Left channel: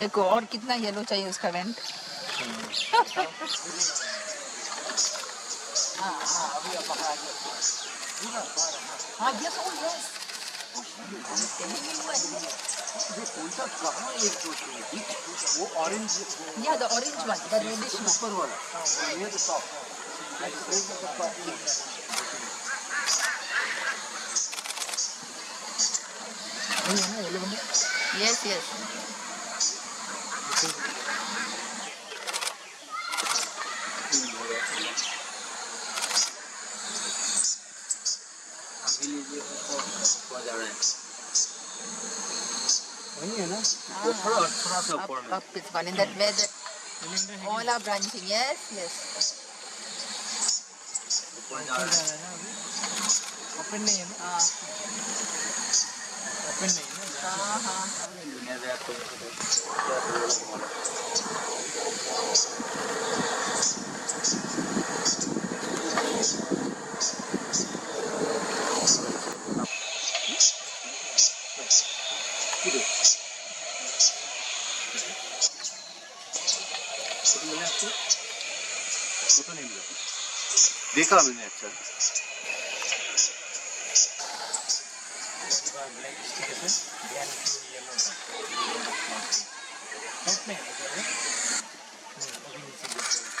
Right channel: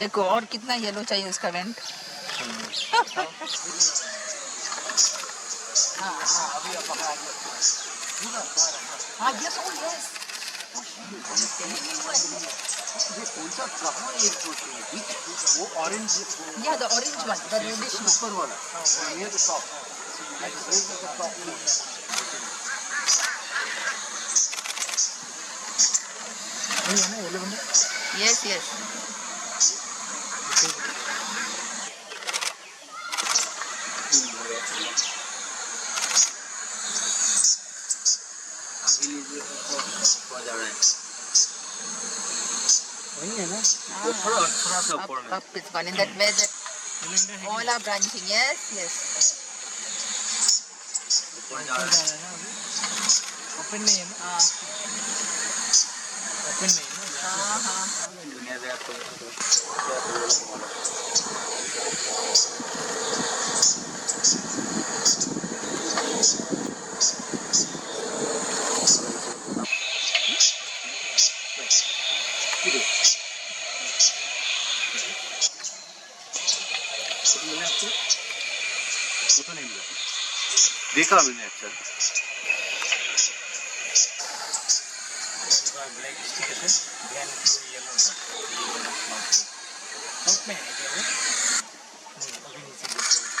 देखो और कितना येलो चाहिए उसका वेंट। हाँ यस ओ यस वो ऑरेंज या the orange one the reddish one ऊपर वाला near the top yes yes अभी लीजिए ऊपर जा रहे हैं वही है ना थोड़ा सा ऊपर में up it's gone in that way that all are branching yes yes ऊपर जा रहे हैं ओपन नहीं है ना हाँ ओपन नहीं है ना हाँ हाँ दुनिया से आपको फोटो नहीं मिला देखा मैंने अच्छा ब्लैक स्टिक है ध्यान टू येलो टॉप में है क्या वो अभी नीचे